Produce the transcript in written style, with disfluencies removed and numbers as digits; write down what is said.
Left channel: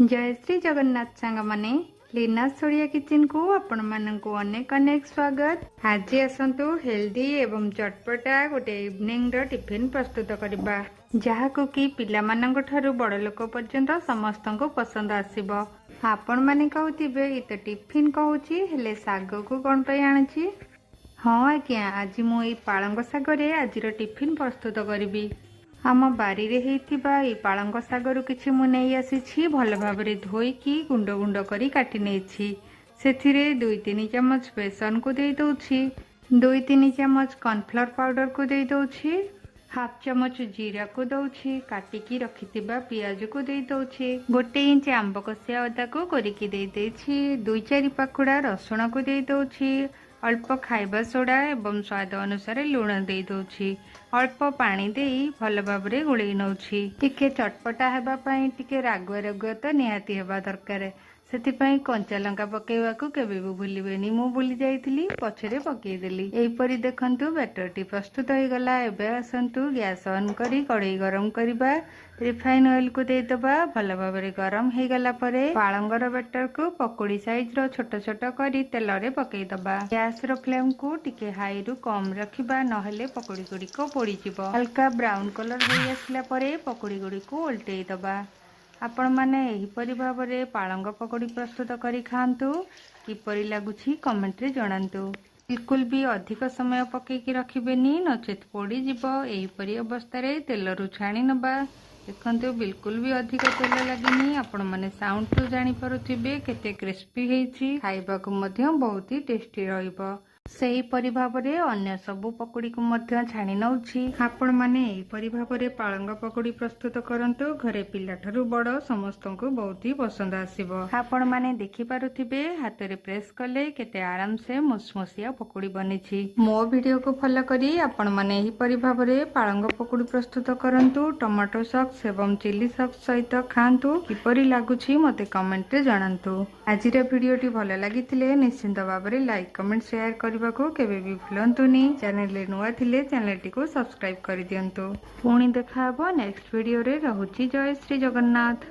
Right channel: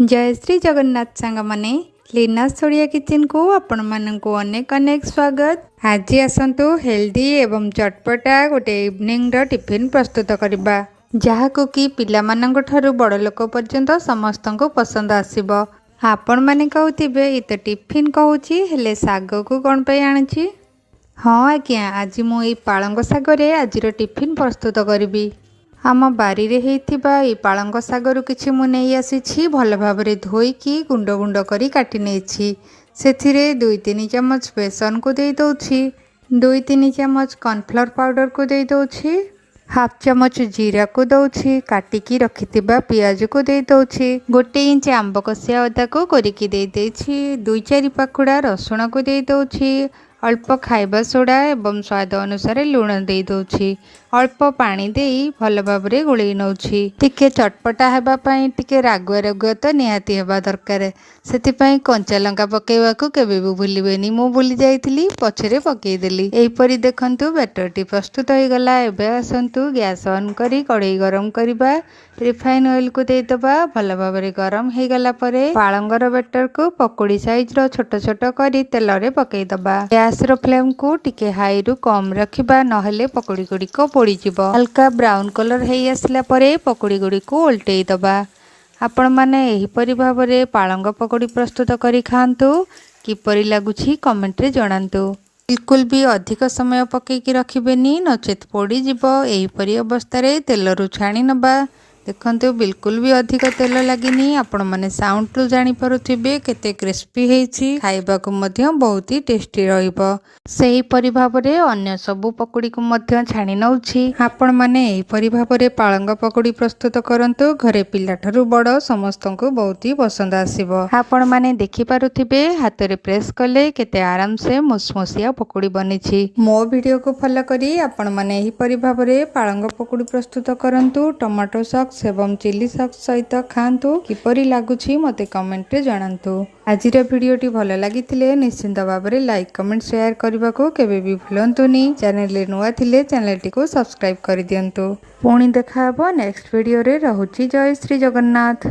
जय श्री जगन्नाथ सांग माने लीनास ओडिया किचन को आपण माननकु अनेक अनेक स्वागत। आज आसंतु हेल्दी एवं चटपटा गोटे इवनिंग रो टिफिन प्रस्तुत करबा जहाको कि पिला माननक ठारू बड़ लोक पर्यंत समस्त को पसंद आसीबो। आपण माने कहउथिबे इ तो टिफिन कहूची हेले साग को कोन पे आनछि। हाँ आज्ञा आज मु ए पालंग सागरे आज टिफिन प्रस्तुत करिबी। आम बारी रे हेइथिबा ए पालंग सागरु किछि मु नै आसीछि भल भाबरे धोईकी गुंड गुंड करी काटी नेछि। सेथिरे 2-3 चम्मच बेसन को देई दउछि, 2-3 चम्मच कॉर्नफ्लोर पाउडर को देई दउछि, हाफ चम्मच जीरा को दउछि, काटिकी रखिथिबा पियाज को देई दउछि, 1 इंच आंब कसिया अदा को कोरिकी देई देछि, 2-4 पाखुड़ा रसुण को देई दउछि, अल्प खाइबा सोडा एवं स्वाद अनुसार लुण दे दउछि, अल्प पानी देई भल भाबरे गोळेई नउछि। टिके चटपटा हेबा पई टिके रागुआ रागुआ तो निहाती हेबा दरकार। सेति पई कंचा लंका पकेइबाकू केबे भी भूलिबेनी। मु भूली जाइथिली पछरे पकेई देली। एही परी देखंतु बैटरटी प्रस्तुत होई गला। एबे आसंतु गैस ऑन करी कढ़ई गरम करबा, रिफाइन ऑयल को दे दबा। भल भाबरे गरम हे गला परे पालंगर बैटर को पकोड़ी साइज रो छोट छोट करी तेल रे पकेई दबा। गैस रो फ्लेम को टिके हाई रु कम रखिबा नहले पकोड़ी गुडी को पोड़ी जिवो। हल्का ब्राउन कलर हेई आसला परे पकोड़ी गुडी को उल्टेई दबा। आपण माने एही परी भाबरे पालंग पकोड़ी प्रस्तुत करी खांतु। किपरि लागुछि कमेंट रे जणांतु। बिल्कुल भी अधिक समय पकेकी रखिबेनी नचेत पोड़ी जिवो। एही परी अवस्था रे तेल रु छाणी नबा। देखंतु बिल्कुल भी अधिक तेल लागिनी। आपण माने साउंड रु जानि पारुथिबे केते क्रिस्पी हेछि। खाइबा को मध्य बहुत ही टेस्टी रहिबो। सेही परी भाबरे अन्य सबु पकोड़ी को मध्य छाणी नउछि। आपण माने एही परी भाबरे पालंग पकोड़ी प्रस्तुत करंतु। घरे पिला ठारू बड़ समस्त को बहुत ही पसंद आसीबो। आपण माने देखि पारुथिबे हाथ रे प्रेस कले केते आराम से मुसमुसिया पकोड़ी बनिछि। मो वीडियो को फॉलो करी आपण माने एही परी भाबरे पालंग पकोड़ी प्रस्तुत करंतु। टमाटो सॉस एवं चिली सॉस सहित खांतु। किपरि लागुछि मते कमेंट रे जणांतु। आजिर वीडियोटी भल लागिथिले निश्चिंत भाबरे लाइक कमेंट शेयर करबा को केबे भी भूलंतुनी। चैनल रे नुआ थिले चैनल टी को सब्सक्राइब कर दियंतु। पुणी देखा हबो नेक्स्ट वीडियो रे। रहुछि जय श्री जगन्नाथ।